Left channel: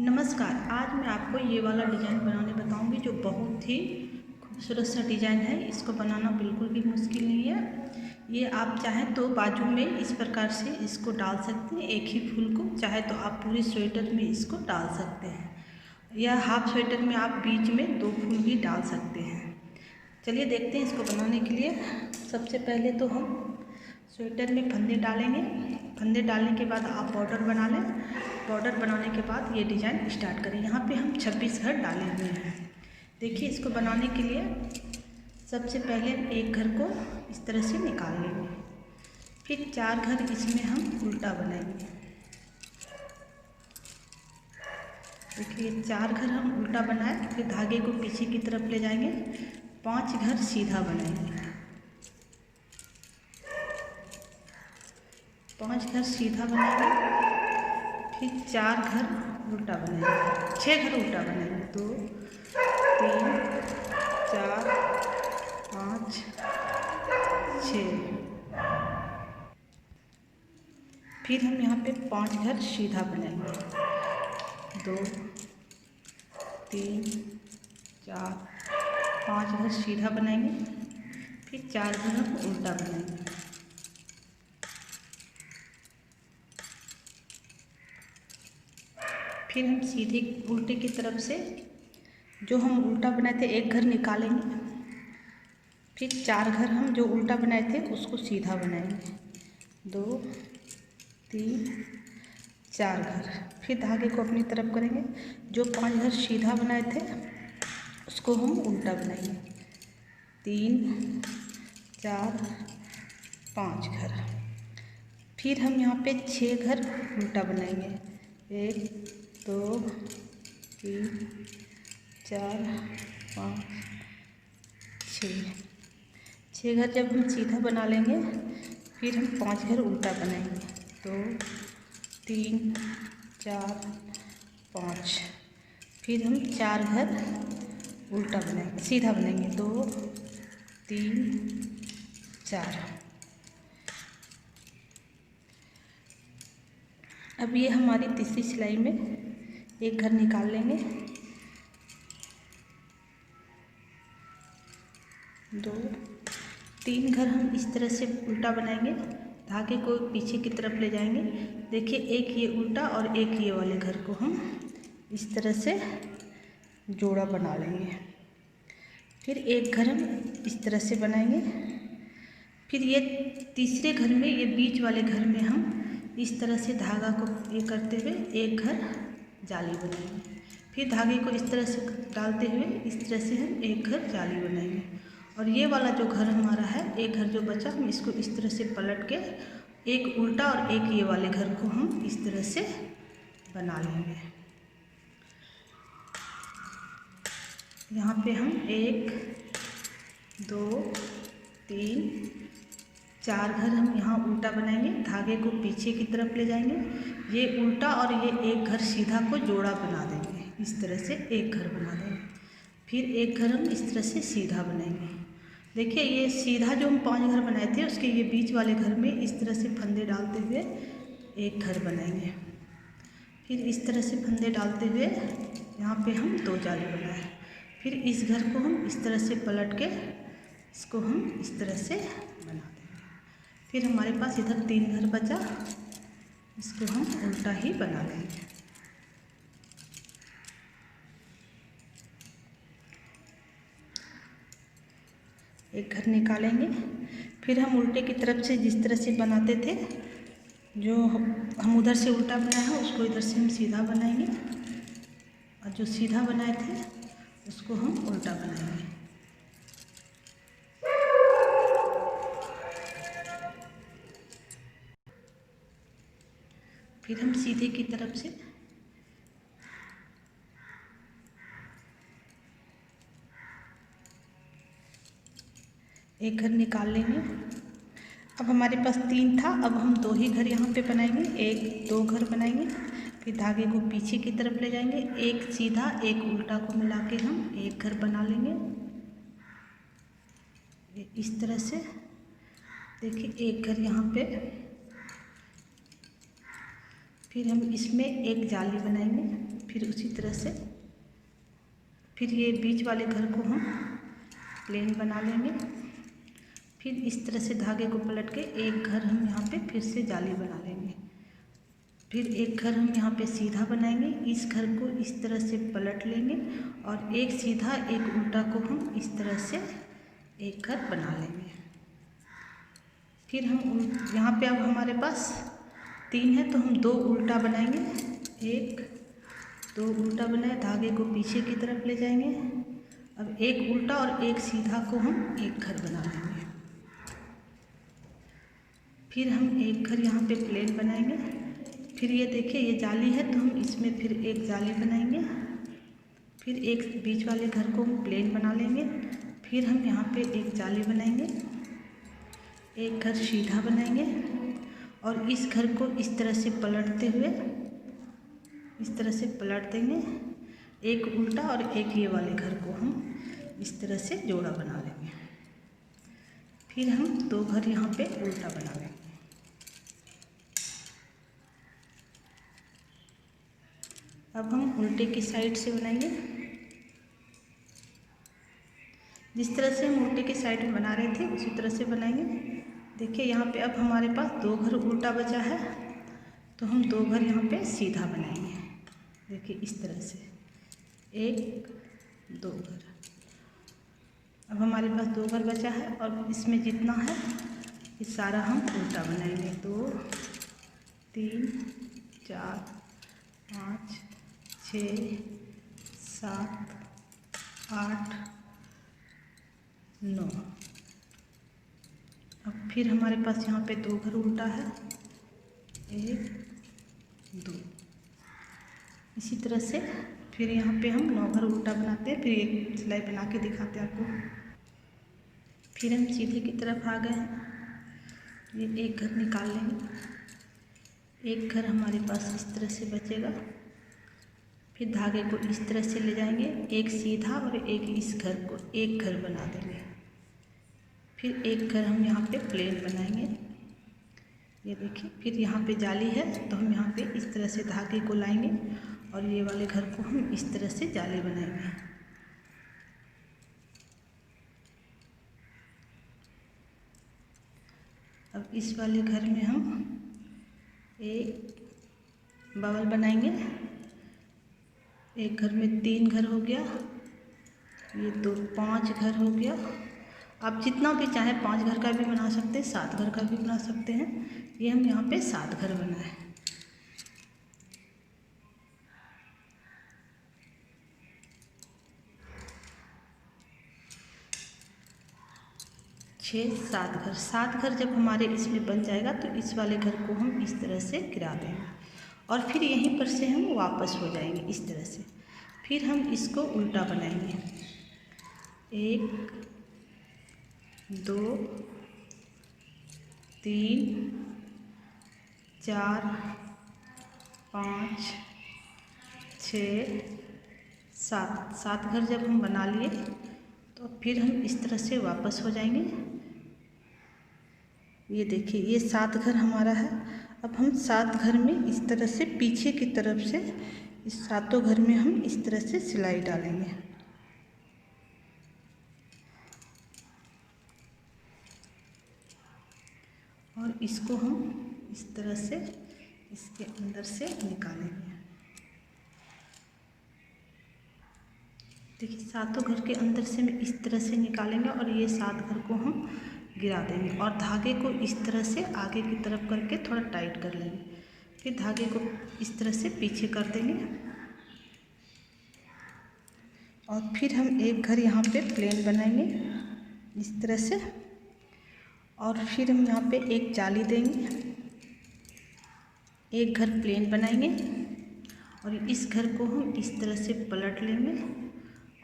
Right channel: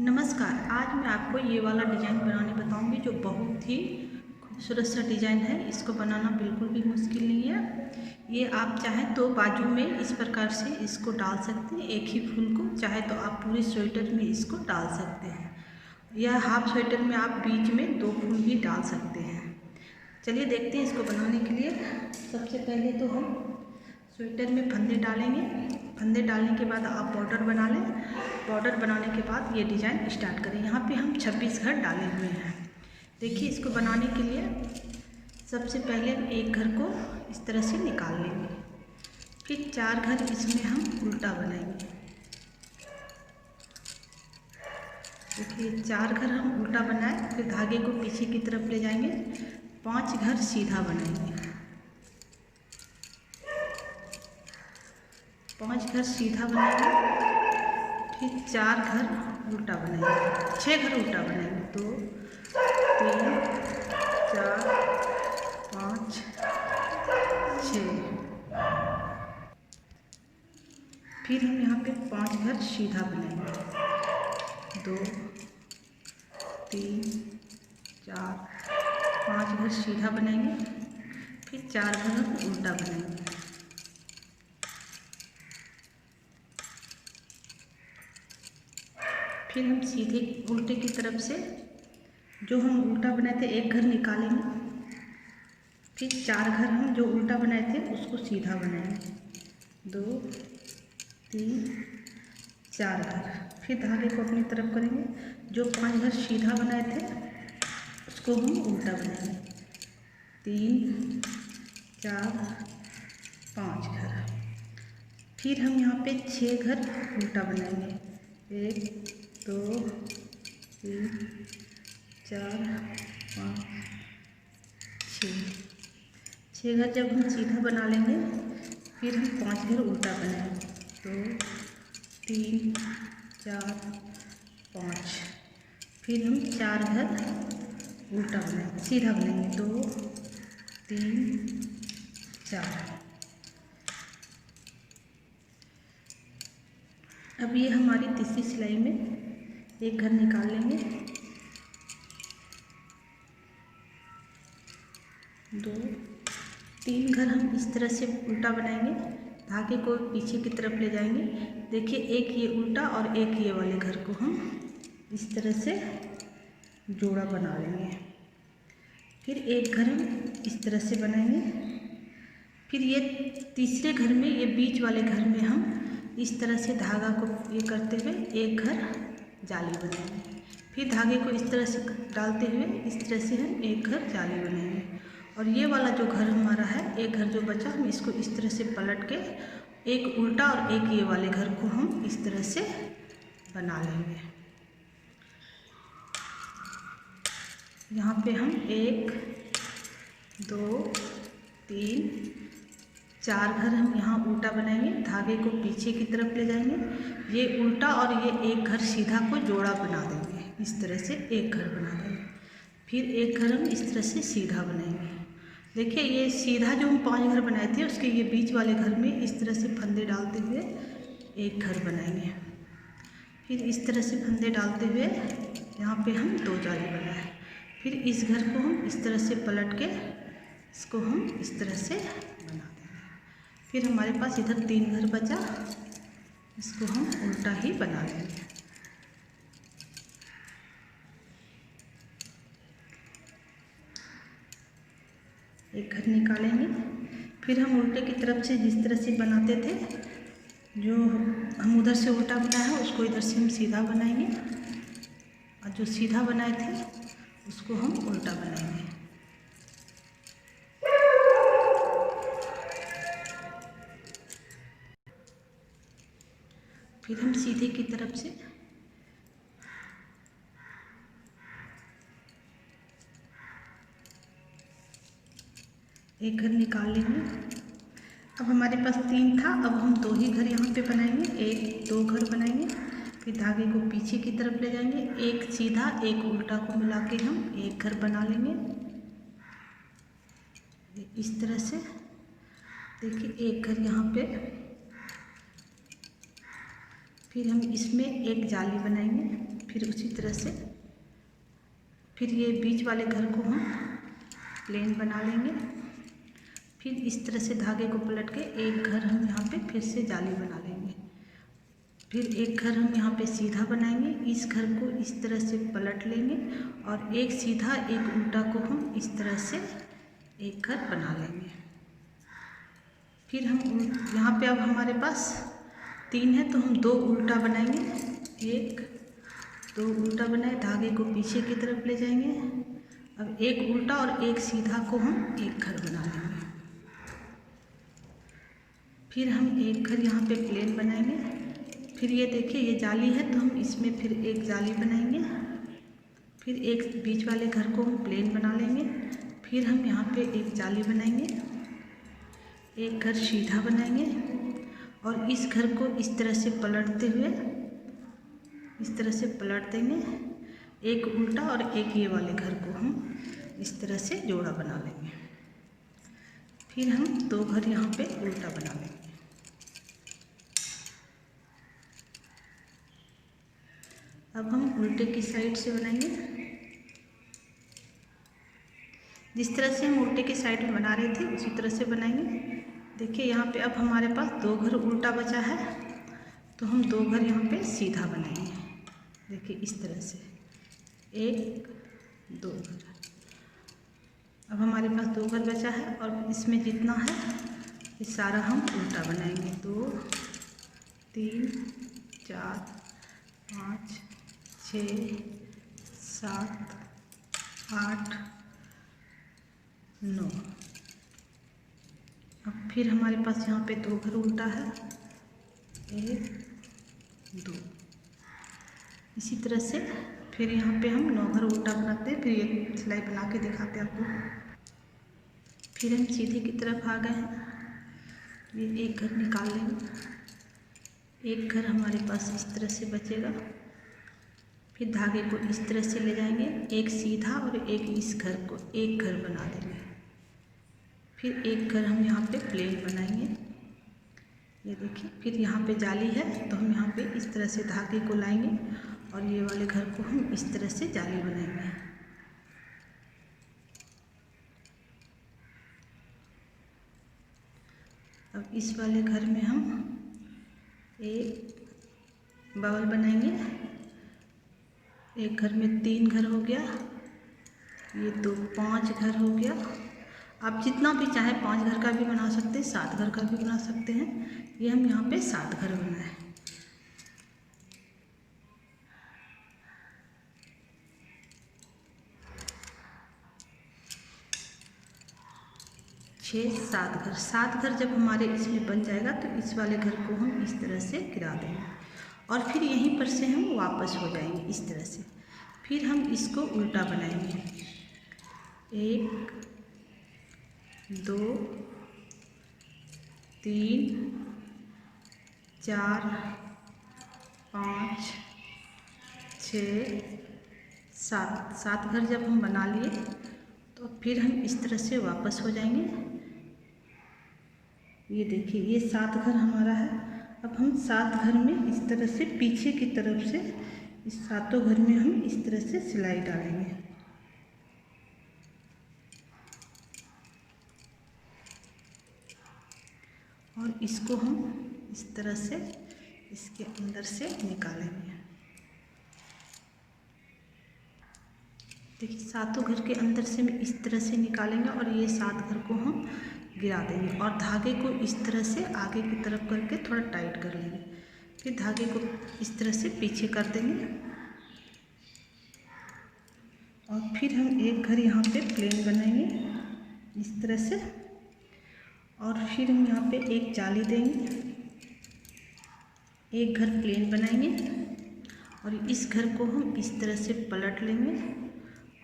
नमस्कार। आज मैं आपको ये वाला डिज़ाइन बनाने बताऊंगी जो बहुत ही खूबसूरत सा डिज़ाइन है। इसको बनाना बिल्कुल भी मुश्किल नहीं है। ये आप चाहें तो बाजू में इस प्रकार से इसको डाल सकते हैं, एक ही फूल को। चाहे तो आप पूरे स्वेटर में इसको डाल सकते हैं, या हाफ स्वेटर में आप बीच में 2 फूल भी डाल सकते हैं। चलिए देखते हैं इसको बनाने के लिए। सबसे पहले तो हम स्वेटर में फंदे डालेंगे। फंदे डालने के बाद आप बॉर्डर बना लें। बॉर्डर बनाने के बाद ये डिज़ाइन स्टार्ट करें। यहाँ पे हम 26 घर डाले हुए हैं। देखिए, इसको बनाने के लिए सबसे पहले हम एक घर को इस तरह से निकाल लेंगे। फिर 4 घर इसमें हम उल्टा बनाएंगे। देखिए, 4 घर हम उल्टा बनाए, फिर धागे को पीछे की तरफ ले जाएंगे। 5 घर सीधा बनाएंगे। 5 घर सीधा बनाएंगे, फिर 4 घर उल्टा बनाएंगे, 6 घर उल्टा बनाएंगे। 2 3 4 5 6। फिर हम यहाँ पे 5 घर सीधा बनाएंगे। 2 3 4 5 घर सीधा बनाएंगे, फिर 4 घर हम उल्टा बनाएंगे। फिर हम सीधे उल्टे की तरफ से जो हम उल्टा बनाए थे एक घर निकालेंगे। फिर 4 घर हम जो उल्टा बनाए थे उसको सीधा बनाएंगे। 2 3 4 घर। फिर धागे को अपनी तरफ करेंगे। जो 5 घर सीधा बनाए थे उसको हम उल्टा बनाएंगे। 3 4 5 घर। फिर हम यहाँ पे 6 घर उल्टा बनाएंगे। 1 2 3 4 5 6 घर जब हम सीधा बना लेंगे, फिर हम 5 घर उल्टा बनाएंगे। 2 3 4 5। फिर हम 4 घर उल्टा बनाएंगे, सीधा बनाएंगे। 2 3 4। अब ये हमारी तीसरी सिलाई में एक घर निकाल लेंगे। 2 3 घर हम इस तरह से उल्टा बनाएंगे। धागे को पीछे की तरफ ले जाएंगे। देखिए, एक ये उल्टा और एक ये वाले घर को हम इस तरह से जोड़ा बना लेंगे। फिर एक घर हम इस तरह से बनाएंगे। फिर ये तीसरे घर में, ये बीच वाले घर में हम इस तरह से धागा को ये करते हुए एक घर जाली बनाएंगे। फिर धागे को इस तरह से डालते हुए इस तरह से हम एक घर जाली बनाएंगे। और ये वाला जो घर हमारा है, एक घर जो बचा, हम इसको इस तरह से पलट के एक उल्टा और एक ये वाले घर को हम इस तरह से बना लेंगे। यहाँ पे हम 1 2 3 4 घर हम यहाँ उल्टा बनाएंगे। धागे को पीछे की तरफ ले जाएंगे। ये उल्टा और ये एक घर सीधा को जोड़ा बना देंगे। इस तरह से एक घर बना देंगे। फिर एक घर हम इस तरह से सीधा बनाएंगे। देखिए, ये सीधा जो हम 5 घर बनाए थे उसके ये बीच वाले घर में इस तरह से फंदे डालते हुए एक घर बनाएंगे। फिर इस तरह से फंदे डालते हुए यहाँ पे हम 2 जाली बनाए। फिर इस घर को हम इस तरह से पलट के इसको हम इस तरह से बना देंगे। फिर हमारे पास इधर 3 घर बचा, इसको हम उल्टा ही बना लेंगे। एक घर निकालेंगे। फिर हम उल्टे की तरफ से जिस तरह से बनाते थे, जो हम उधर से उल्टा बनाया है उसको इधर से हम सीधा बनाएंगे, और जो सीधा बनाए थे उसको हम उल्टा बनाएंगे। फिर हम सीधे की तरफ से एक घर निकाल लेंगे। अब हमारे पास 3 था, अब हम 2 ही घर यहाँ पे बनाएंगे। 1 2 घर बनाएंगे। फिर धागे को पीछे की तरफ ले जाएंगे। एक सीधा एक उल्टा को मिला के हम एक घर बना लेंगे इस तरह से। देखिए, एक घर यहाँ पे। फिर हम इसमें एक जाली बनाएंगे। फिर उसी तरह से फिर ये बीच वाले घर को हम प्लेन बना लेंगे। फिर इस तरह से धागे को पलट के एक घर हम यहाँ पे फिर से जाली बना लेंगे। फिर एक घर हम यहाँ पे सीधा बनाएंगे, इस घर को इस तरह से पलट लेंगे और एक सीधा एक उल्टा को हम इस तरह से एक घर बना लेंगे। फिर हम यहाँ पे अब हमारे पास 3 है तो हम 2 उल्टा बनाएंगे। 1 2 उल्टा बनाए, धागे को पीछे की तरफ ले जाएंगे। अब एक उल्टा और एक सीधा को हम एक घर बना लेंगे। फिर हम एक घर यहाँ पे प्लेन बनाएंगे। फिर ये देखिए ये जाली है तो हम इसमें फिर एक जाली बनाएंगे। फिर एक बीच वाले घर को हम प्लेन बना लेंगे। फिर हम यहाँ पे एक जाली बनाएंगे, एक घर सीधा बनाएंगे और इस घर को इस तरह से पलटते हुए इस तरह से पलट देंगे। एक उल्टा और एक ये वाले घर को हम इस तरह से जोड़ा बना लेंगे। फिर हम 2 घर यहाँ पे उल्टा बना लेंगे। अब हम उल्टे की साइड से बनाएंगे। जिस तरह से हम उल्टे की साइड में बना रहे थे उसी तरह से बनाएंगे। देखिए यहाँ पे अब हमारे पास 2 घर उल्टा बचा है तो हम 2 घर यहाँ पे सीधा बनाएंगे। देखिए इस तरह से 1 2 घर। अब हमारे पास 2 घर बचा है और इसमें जितना है ये सारा हम उल्टा बनाएंगे। 2 3 4 5 6 7 8 9। अब फिर हमारे पास यहाँ पे 2 घर उल्टा है, 1 2। इसी तरह से फिर यहाँ पे हम 9 घर उल्टा बनाते हैं। फिर एक सिलाई बना के दिखाते हैं आपको। फिर हम सीधे की तरफ आ गए हैं। ये एक घर निकाल लेंगे। एक घर हमारे पास इस तरह से बचेगा। फिर धागे को इस तरह से ले जाएंगे, एक सीधा और एक इस घर को एक घर बना देंगे। फिर एक घर हम यहाँ पे प्लेन बनाएंगे। ये देखिए फिर यहाँ पे जाली है तो हम यहाँ पे इस तरह से धागे को लाएंगे और ये वाले घर को हम इस तरह से जाली बनाएंगे। अब इस वाले घर में हम एक बबल बनाएंगे। एक घर में 3 घर हो गया, ये 2 5 घर हो गया। आप जितना भी चाहें 5 घर का भी बना सकते हैं, 7 घर का भी बना सकते हैं। ये हम यहाँ पे 7 घर बनाए। छः 7 घर। 7 घर जब हमारे इसमें बन जाएगा तो इस वाले घर को हम इस तरह से गिरा देंगे और फिर यहीं पर से हम वापस हो जाएंगे इस तरह से। फिर हम इसको उल्टा बनाएंगे। 1 2 3 4 5 6 7। 7 घर जब हम बना लिए तो फिर हम इस तरह से वापस हो जाएंगे। ये देखिए ये 7 घर हमारा है। अब हम 7 घर में इस तरह से पीछे की तरफ से इस 7 घर में हम इस तरह से सिलाई डालेंगे। और इसको हम इस तरह से इसके अंदर से निकालेंगे। देखिए 7 घर के अंदर से हम इस तरह से निकालेंगे और ये 7 घर को हम गिरा देंगे और धागे को इस तरह से आगे की तरफ करके थोड़ा टाइट कर लेंगे। फिर धागे को इस तरह से पीछे कर देंगे और फिर हम एक घर यहाँ पे प्लेन बनाएंगे इस तरह से और फिर हम यहाँ पे एक जाली देंगे। एक घर प्लेन बनाएंगे और इस घर को हम इस तरह से पलट लेंगे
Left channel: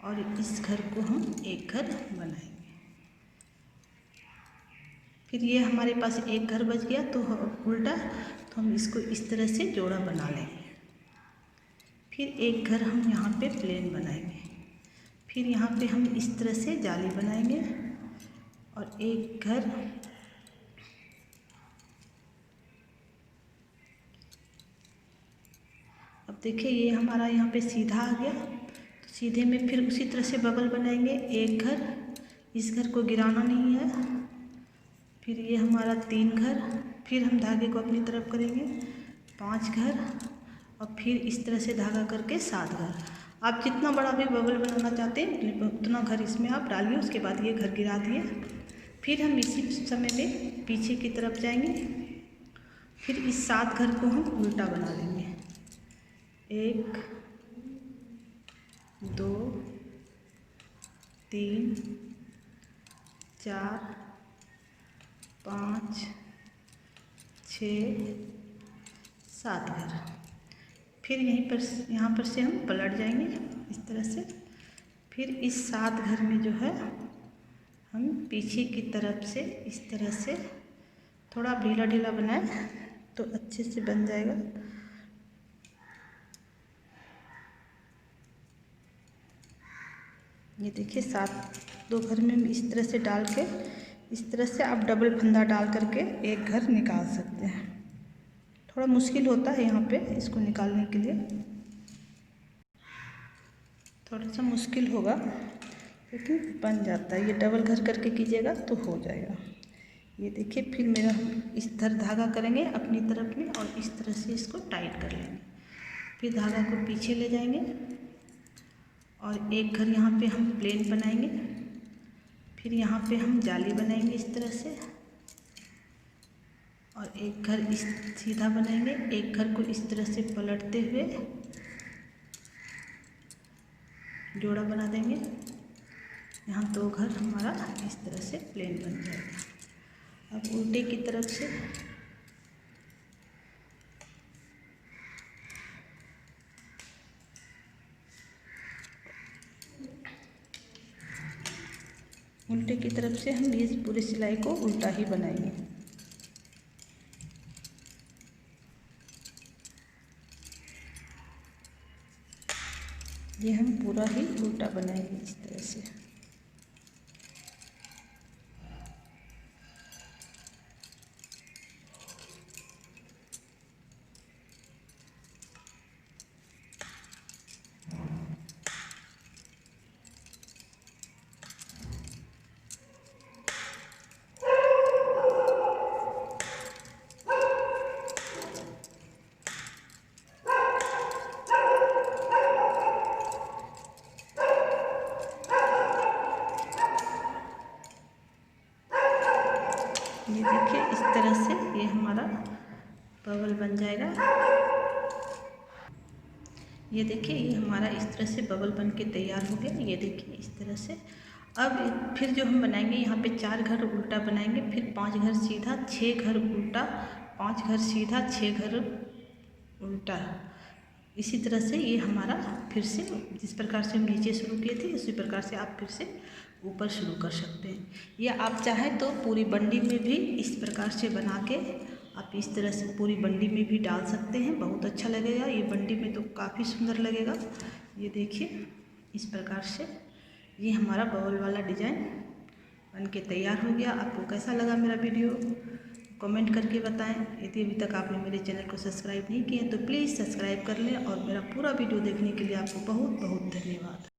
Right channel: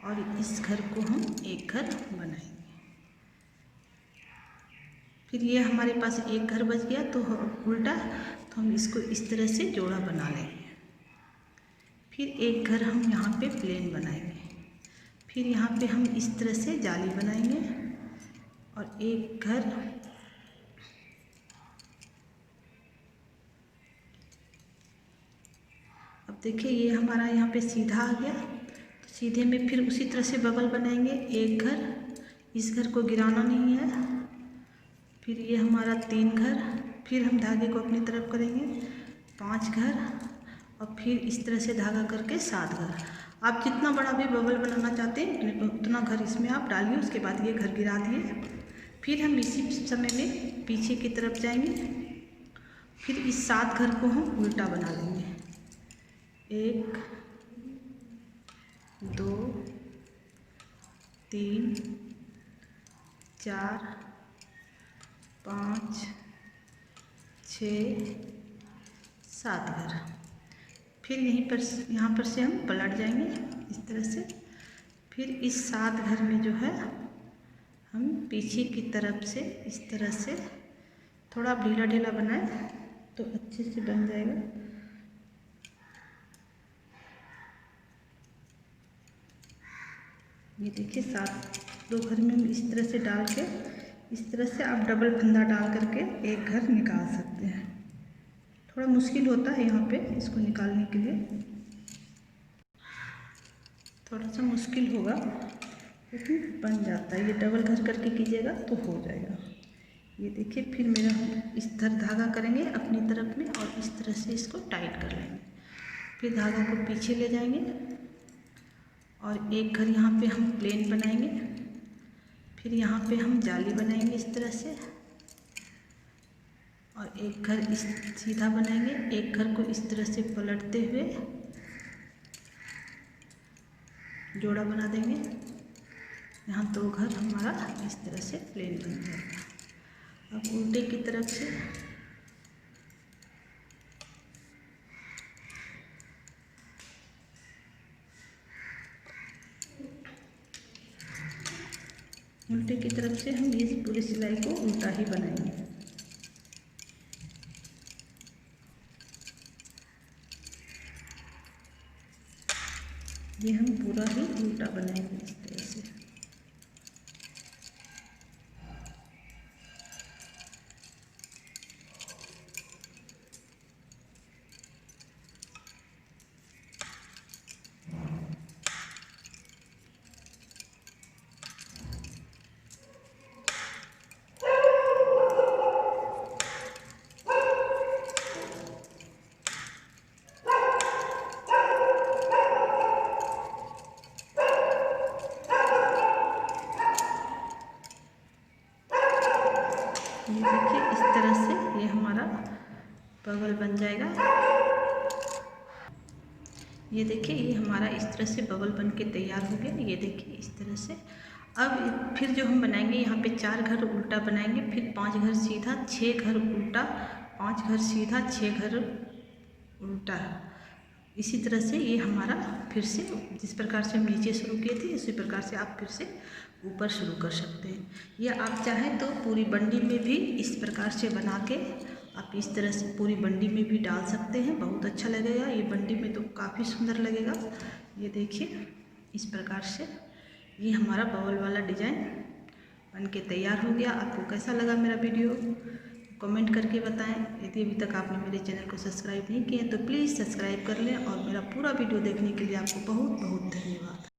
और इस घर को हम एक घर बनाएंगे। फिर ये हमारे पास एक घर बच गया तो उल्टा, तो हम इसको इस तरह से जोड़ा बना लेंगे। फिर एक घर हम यहाँ पे प्लेन बनाएंगे। फिर यहाँ पे हम इस तरह से जाली बनाएंगे और एक घर अब देखिए ये हमारा यहाँ पे सीधा आ गया। तो सीधे में फिर उसी तरह से बबल बनाएंगे, एक घर, इस घर को गिराना नहीं है, फिर ये हमारा 3 घर, फिर हम धागे को अपनी तरफ करेंगे 5 घर, और फिर इस तरह से धागा करके 7 घर। आप जितना बड़ा भी बबल बनाना चाहते हैं उतना घर इसमें आप डालिए। उसके बाद ये घर गिरा दिए। फिर हम इसी समय में पीछे की तरफ जाएंगे, फिर इस 7 घर को हम उल्टा बना लेंगे। 1 2 3 4 5 6 7 घर। फिर यहाँ पर से हम पलट जाएंगे इस तरह से। फिर इस 7 घर में जो है हम पीछे की तरफ से इस तरह से थोड़ा ढीला ढीला बनाएं तो अच्छे से बन जाएगा। ये देखिए 2 घर में इस तरह से डाल के, इस तरह से आप डबल फंदा डाल करके एक घर निकाल सकते हैं। थोड़ा मुश्किल होता है यहाँ पे इसको निकालने के लिए, थोड़ा सा मुश्किल होगा लेकिन बन जाता है। ये डबल घर करके कीजिएगा तो हो जाएगा। ये देखिए फिर मेरा इस तरह धागा करेंगे अपनी तरफ में और इस तरह से इसको टाइट कर लेंगे। फिर धागा को पीछे ले जाएंगे और एक घर यहाँ पे हम प्लेन बनाएंगे। फिर यहाँ पे हम जाली बनाएंगे इस तरह से, और एक घर इस सीधा बनाएंगे। एक घर को इस तरह से पलटते हुए जोड़ा बना देंगे। यहाँ 2 घर हमारा इस तरह से प्लेन बन जाएगा। अब उल्टे की तरफ से हम इस पूरी सिलाई को उल्टा ही बनाएंगे। ये हम पूरा ही उल्टा बनाएंगे इस तरह से। ये देखिए इस तरह से ये हमारा बबल बन जाएगा। ये देखिए ये हमारा इस तरह से बबल बन के तैयार हो गया। ये देखिए इस तरह से। अब फिर जो हम बनाएंगे यहाँ पे 4 घर उल्टा बनाएंगे, फिर 5 घर सीधा, 6 घर उल्टा, 5 घर सीधा, 6 घर उल्टा। इसी तरह से ये हमारा फिर से जिस प्रकार से हम नीचे शुरू किए थे उसी प्रकार से आप फिर से ऊपर शुरू कर सकते हैं। या आप चाहें तो पूरी बंडी में भी इस प्रकार से बना के आप इस तरह से पूरी बंडी में भी डाल सकते हैं, बहुत अच्छा लगेगा। ये बंडी में तो काफ़ी सुंदर लगेगा। ये देखिए इस प्रकार से ये हमारा बबल वाला डिज़ाइन बन के तैयार हो गया। आपको कैसा लगा मेरा वीडियो कमेंट करके बताएं। यदि अभी तक आपने मेरे चैनल को सब्सक्राइब नहीं किए तो प्लीज़ सब्सक्राइब कर लें, और मेरा पूरा वीडियो देखने के लिए आपको बहुत बहुत धन्यवाद।